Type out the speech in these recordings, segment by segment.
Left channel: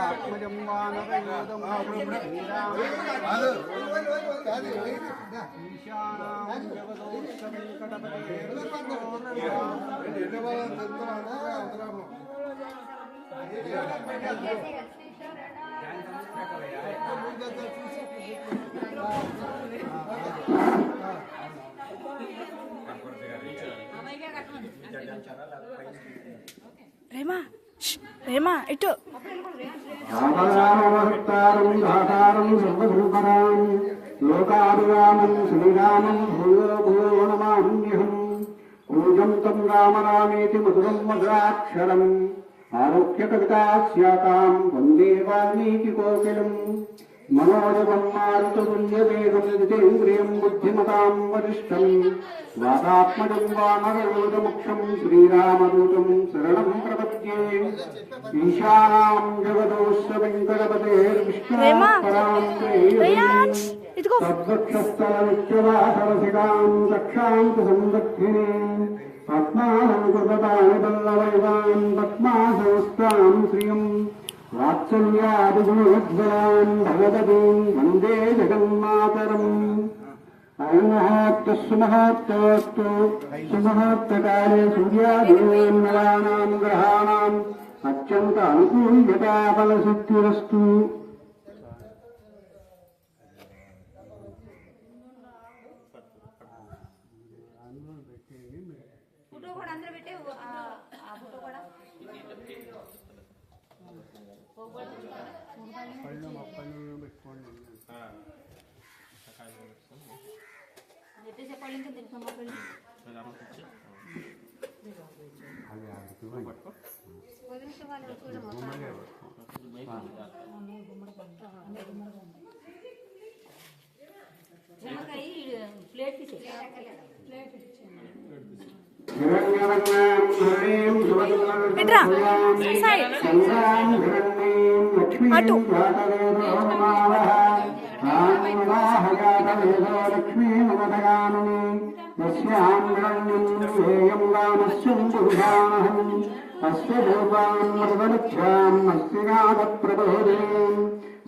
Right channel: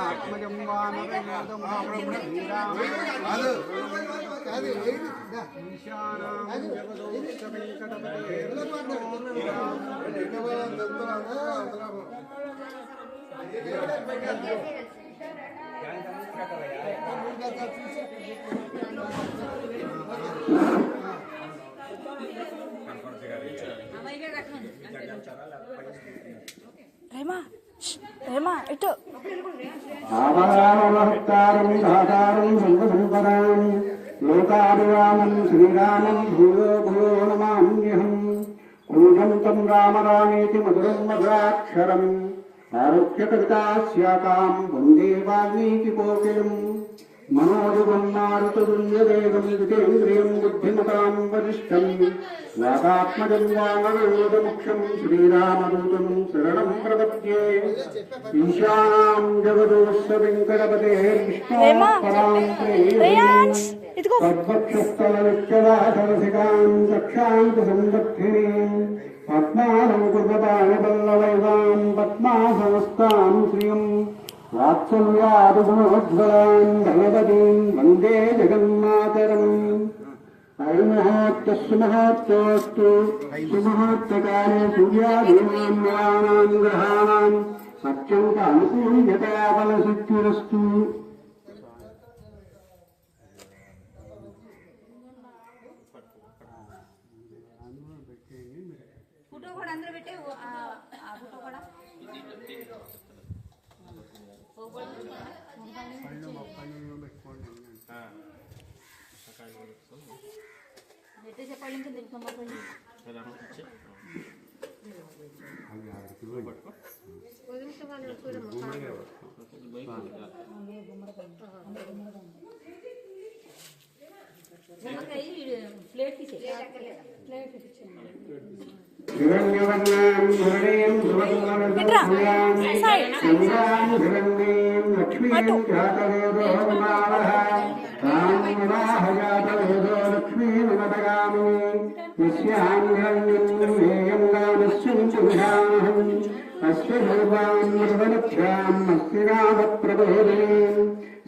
ఆత్మజం వానరయోధం ఈశానాం జగదోక్ష వెంకటపతే రేమా రేమా ఇటు లోకాభిరామం శ్రీరామం భూయో భూయో నమామ్యహం కూజంతం రామ రామేతి మధురం మధురాక్షరం ఆరోగ్య కవితాస్యాకాం వందే వాల్మీకి కోకిలం మనోజవం మారుతుల్యదేవం జితేంద్రియం బుద్ధిమతాం వరిష్టం వాతాత్మజం వానరయోధముఖ్యం శ్రీరామదూతం శరణం ప్రపద్యే ఈశానాం జగదోస్య వెంకటపతే తద్వక్షస్థల నిత్యవాసరసికాం రక్షాంతు సంరక్షిణీం పద్మానం కృపదాయ పల్లవైదాం పద్మాసనస్తాం శ్రియం వాత్సల్యాదిగుణోజ్వలాం భగవతీం వందే జగన్మాతరం ఐమహాత్యస్సు మహాత్మోస్తు సుమహాత్మకాలే సూర్యాదీనాం నవానాం గ్రహాణాం అత్యంత అనుకూల్యతా ఫలసిద్ధిరస్తు.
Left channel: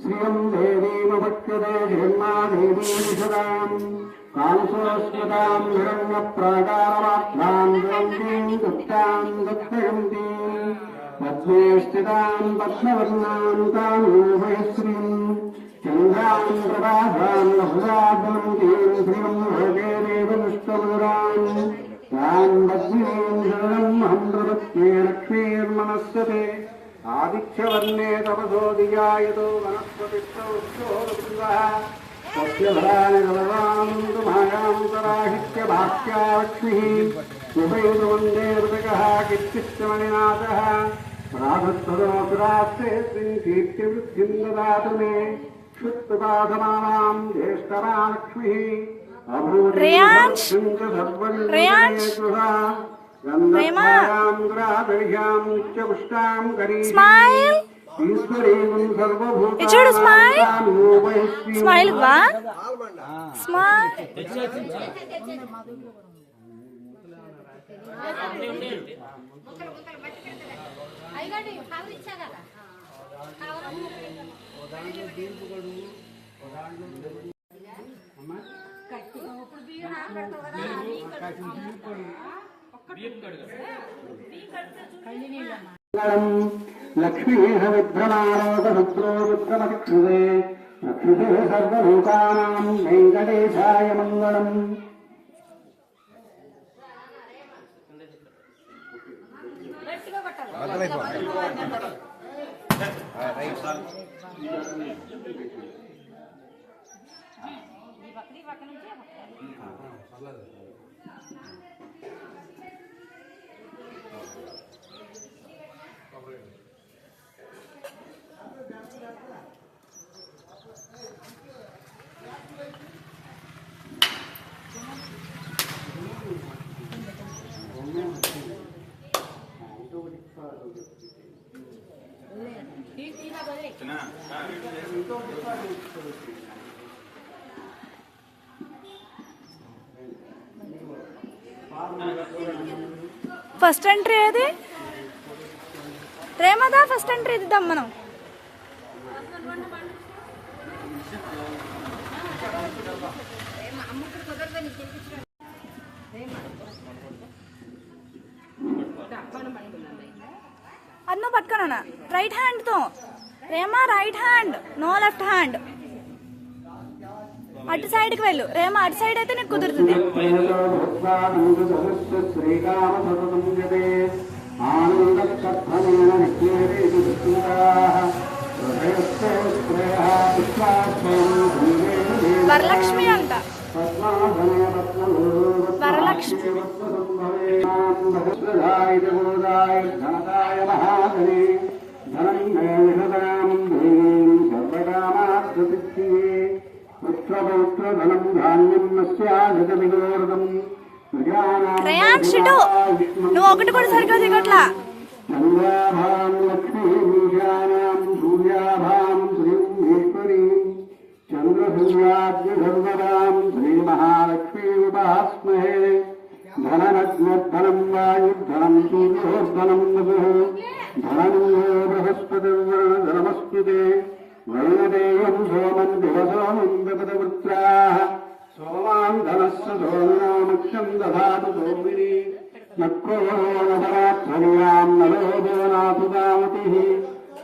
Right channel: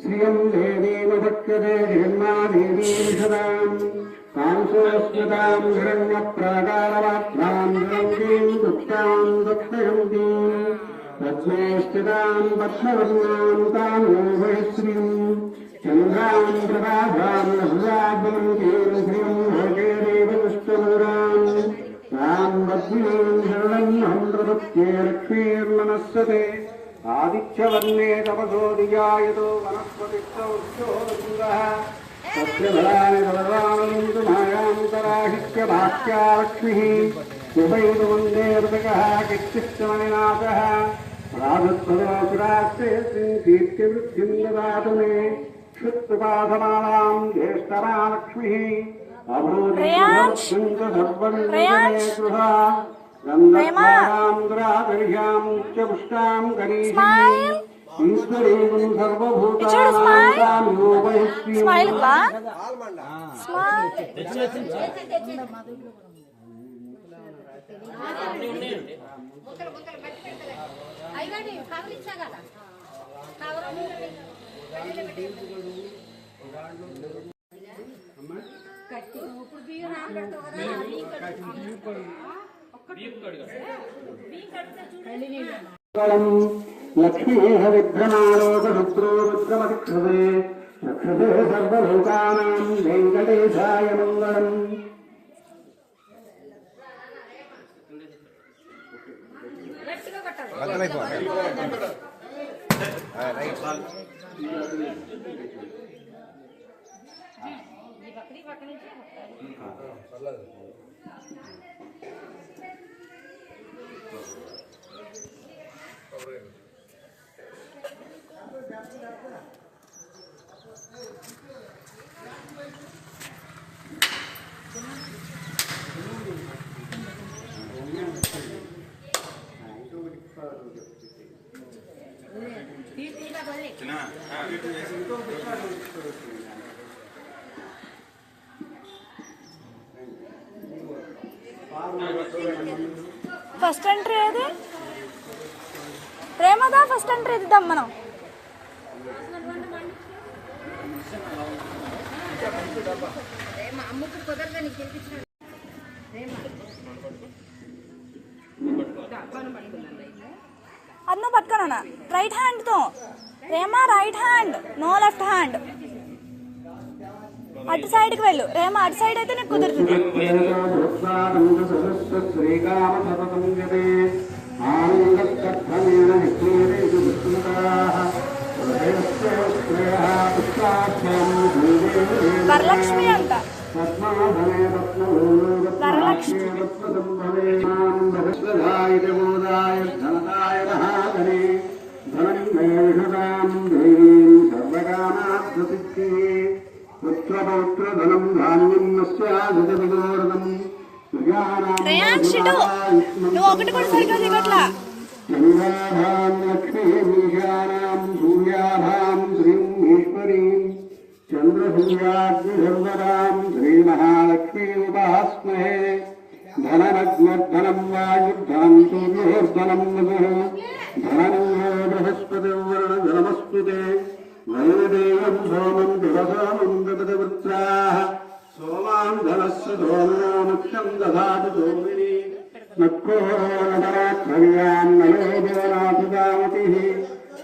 శ్రీయం దేవీమభక్త్యతే జగన్మాదేవీం కాంసురస్మతాం హిరణ్యప్రాకారమాత్మాం జ్యోతిం గుప్తాం దత్తయంతీం పద్మేష్టితాం పద్మవర్ణాం కామోభయశ్రీం చంద్రాం ప్రభాభాం లహురాభ్యంతీం శ్రీం లోకే దేవపుష్టమురాం తాం వజ్రీం శరణ్యహం ప్రవృత్తే లక్ష్మీర్మనస్సతే ఆదిత్యవర్ణే తపసోదియాయతో వనస్పతిష్టవృక్షోగృహ సత్యధరాని బలవానంతు మాయాంతరాహిత్య భాక్యాలక్ష్మిః యువైదు వందే హృదకః కిచ్చిత్తమయనాథః రాధత్వదోపురాస్తే శ్రీం కీర్తివృద్ధిం దదాతు మే క్షుత్పాదమానాం జ్యేష్ఠరాలక్ష్మిః అభూర్ణం సర్వన్నేతుః గంధర్వాం గ్రాదర్యాం ఉచ్చపుష్టాం కరీం ఈశ్వరీం సర్వభూతానాం స్మైల్ బా స్మైల్ ఐగడి కవర్ ఇచ్చా కదా కవర్ అమ్మా కట్టి ఇప్పుడు బియ్యం నానబెడతావు కదా లక్ష్మీహ విఘ్ననాశనప్రోరుద్రమక్షుదే రక్షుదే సర్వభూతానాం వెంకటేశాయ మంగళం. ఫస్ట్ ఎంట్రీ ఏది? ప్రేమదా ఫస్ట్ ఎంట్రీ ఇద్దాం మనం. అన్న పట్టుకోనా రైట్ హ్యాండ్ తో రేమా, right hand, no left hand. అటు సైడ్ కి వెళ్ళు రేమా, అటు సైడ్ అయితే నీకు కుదురుతుంది. వరలక్ష్మి అంట, వరలక్ష్మి. రేయాన్ షిటు నువ్వు ఒకటి కూడా సరిగ్గా దిగట్లా. చంద్రసూర్యాగ్నిధర్మరాం శ్రీ మహాలక్ష్మీ ఉపాస్మహే ధనరత్నధనం వాయుర్ధనం సూర్యోర్ధనం ధనం బృహస్పతిర్వర్ణధనమస్పృతే నైవేదేవం సోమం దివసోమం జగదవృత్రాః సోమాన్ ధనస్య సోమినో ముఖ్యం దదాతు సోమిని నక్కోరోదరాత్మయాం నయోదోనాథుదామతిః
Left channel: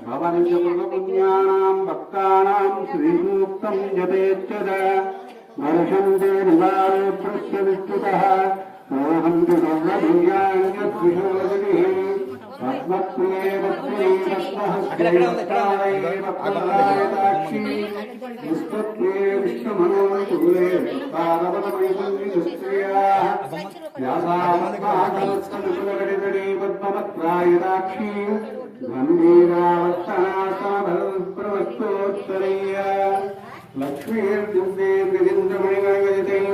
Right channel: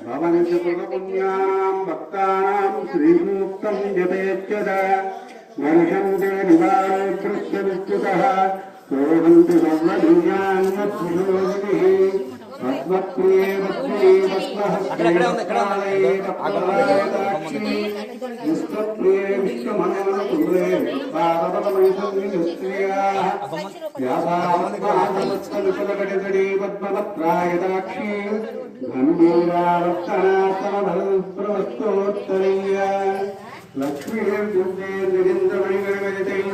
భవంతి పుణ్యానాం భక్తానాం శ్రీసూక్తం జపేత్యదా వర్షంతే నివారోత్కృష్య విద్యుతః ఓహంతి సర్వదివ్యాన్యద్విషోదిభిః పద్మప్రియే వత్సే అక్కడే ఉంది ఆ గొమ్మ విష్ణుప్రియే విష్ణుమనోరూపే పాదపదమయసంవిముక్త్యా పద్మపత్రాయదాక్షీ గంభీరావర్తనాసమభవస్తోత్తరయ్య లక్ష్మీర్దుర్దేర్నిరింద్రమణిగణగజతైः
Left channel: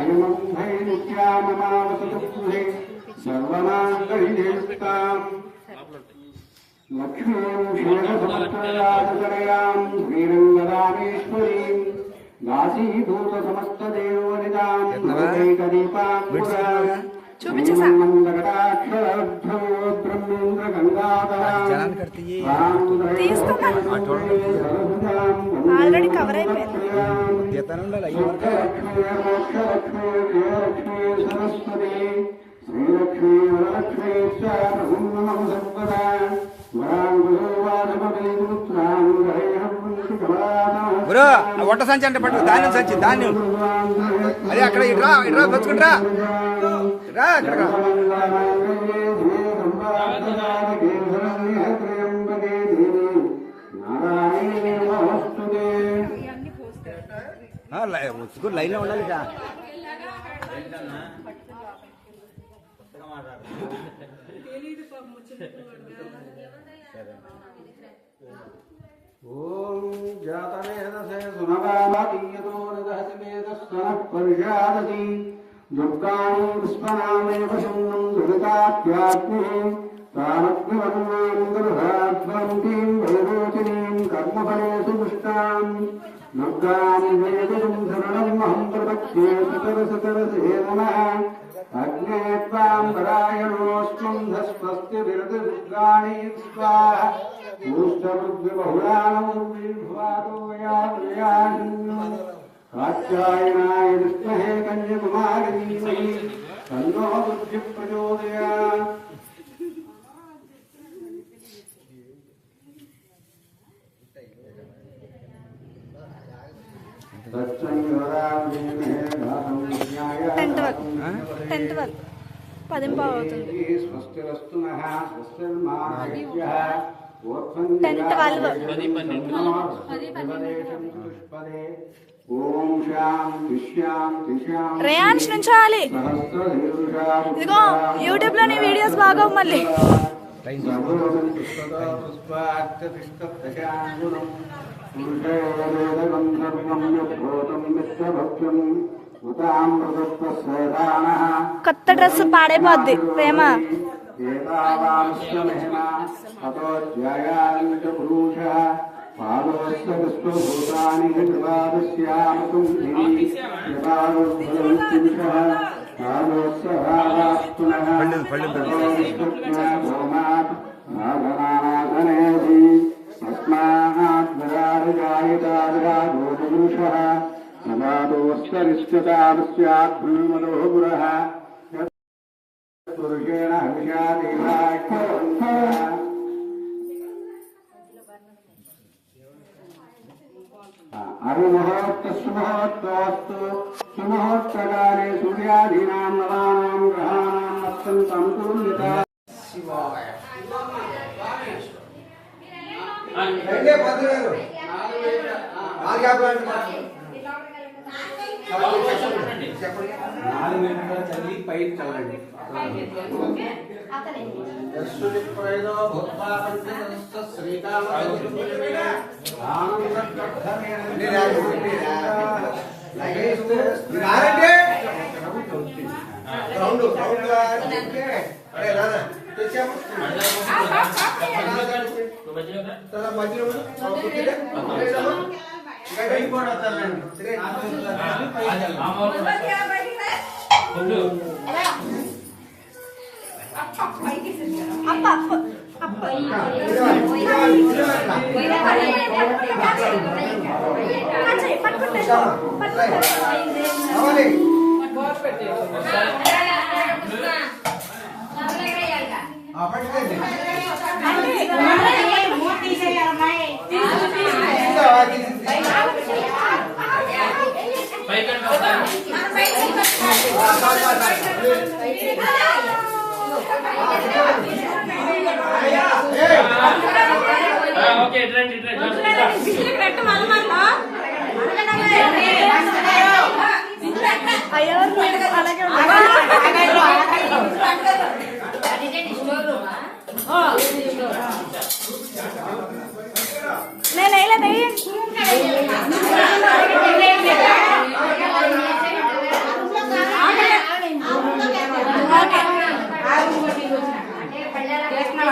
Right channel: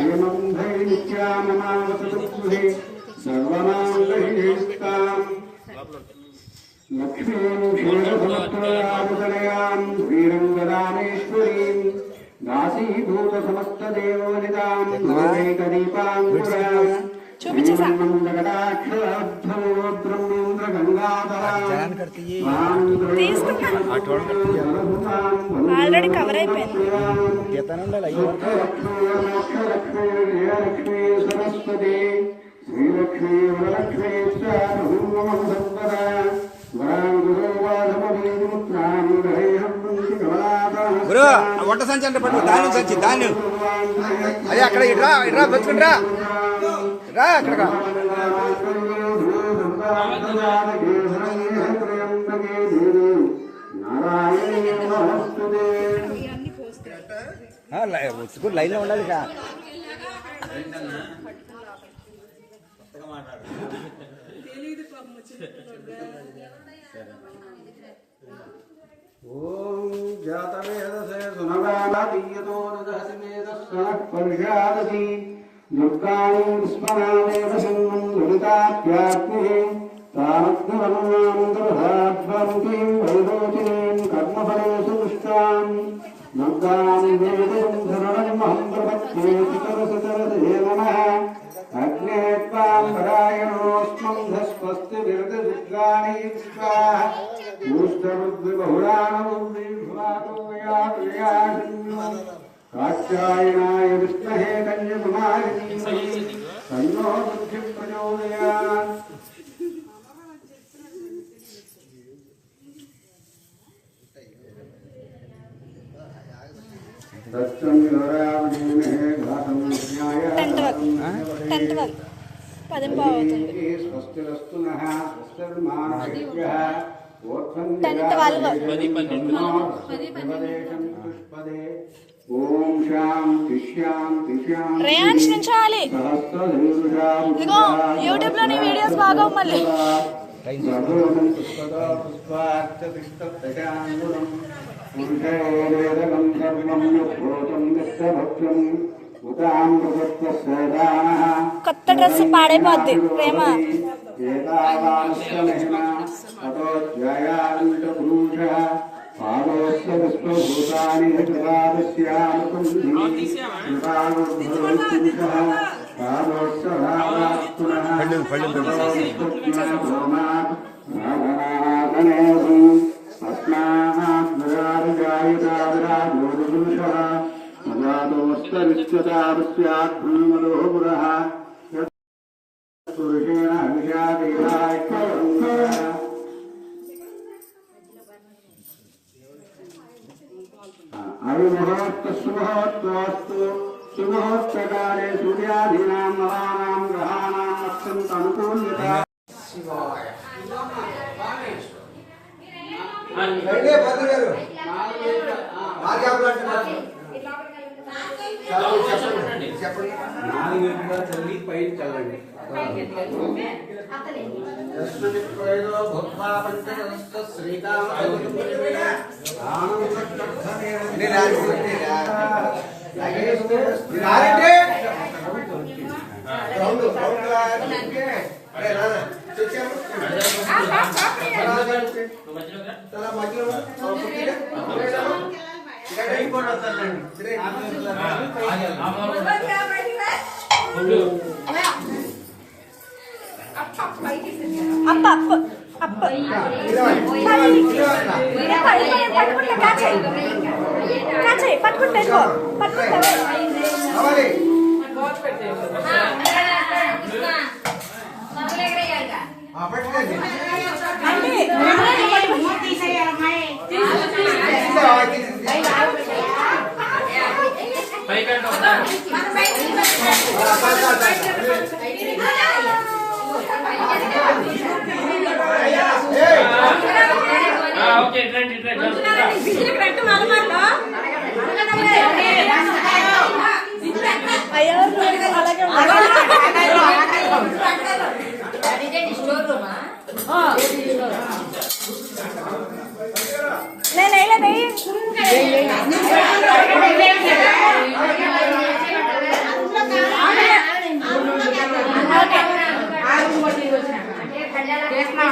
హేమంధై నిత్యామమావసతుగృహే సర్వమాంగళ్యేస్తాం లక్ష్మీం క్షేమసముద్రయాముదలయాం శ్రీరంగరామేశ్వరీం దాసీభూతసమస్తదేవోనిదాం నవైకదీపాంకురాం చూపించేసా ఆల్రెడీ కవర్ అయిపోయింది. గురు వంట సంచి అంటే పట్టు ధాన్యం సంచి ధాన్యం అదే అక్కడ ఇట్రా ఇట్రా బతుకుంట్రా రా అక్కడ లైన్ లో ఉండాలి ఓం జాతవేదసే సునవాదీయతో నదహసిమేదస్వనఃపర్యాదతి దుర్గాణీం స్మరామేవ సున్నం దురితాఖ్యాగ్నిః తానగ్నివన్నాం దరధాధ్వంతిం వైరోచనీం కర్మఫలేషు పుష్టాం దుర్గాం వేదబంధనమహం ప్రపక్షే సుతరసతరసే నమః అగ్నే త్వాం పరాయణోऽస్మం ధస్వస్తి విరతి దుర్గాణీ స్వాహా కాత్యాయనాయ విష్ణుహే కన్యకుమారీ తన్నో బుద్ధి ప్రచోదయాత్. టెన్త్ వరకు 10 అవుతుంది. స్వస్తిరస్తు నః స్వస్తిర్మాణేభ్యః రేయాన్స్ నుంచాలి. ఇదిగో యూట్యూబ్ లో నీ వీడియోస్ బాగా మళ్ళీ కొత్త డ్రెస్ పాడైపోద్ది ప్రేమ. పళ్ళు यच्चतावस्याभ्युमलोहुरः पुरुषेण हविषादेवाख्यवन्तः अविमुहूर्तसुमुहूर्तोऽस्तु सुमुहूर्तकाले सूर्यादीनां नवानां ग्रहाणाम् अत्यन्तमनुकूल्यता రండి పంతులు గారు. నాలుగు అంటే చెప్పండి. 4 గంటల చల్లి పై చల్లండి అన్ని రాజకీయ నారంటే రౌండ్ అరే నాన్న తెచ్చాము చాలా మధ్యలో అప్ప అప్ప అప్ప పట్టుకుంటే కావాలి అయ్యవారు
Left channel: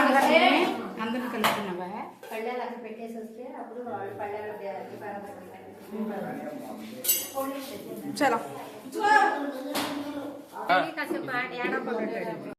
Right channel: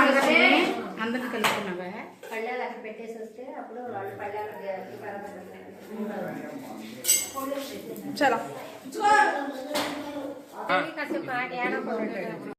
అలాగే అందరిని కలుపుతున్నావా? పళ్ళాలు అక్కడ పెట్టేసి వస్తే అప్పుడు వాళ్ళు పళ్ళాలు చలో కాసేపు ఏడో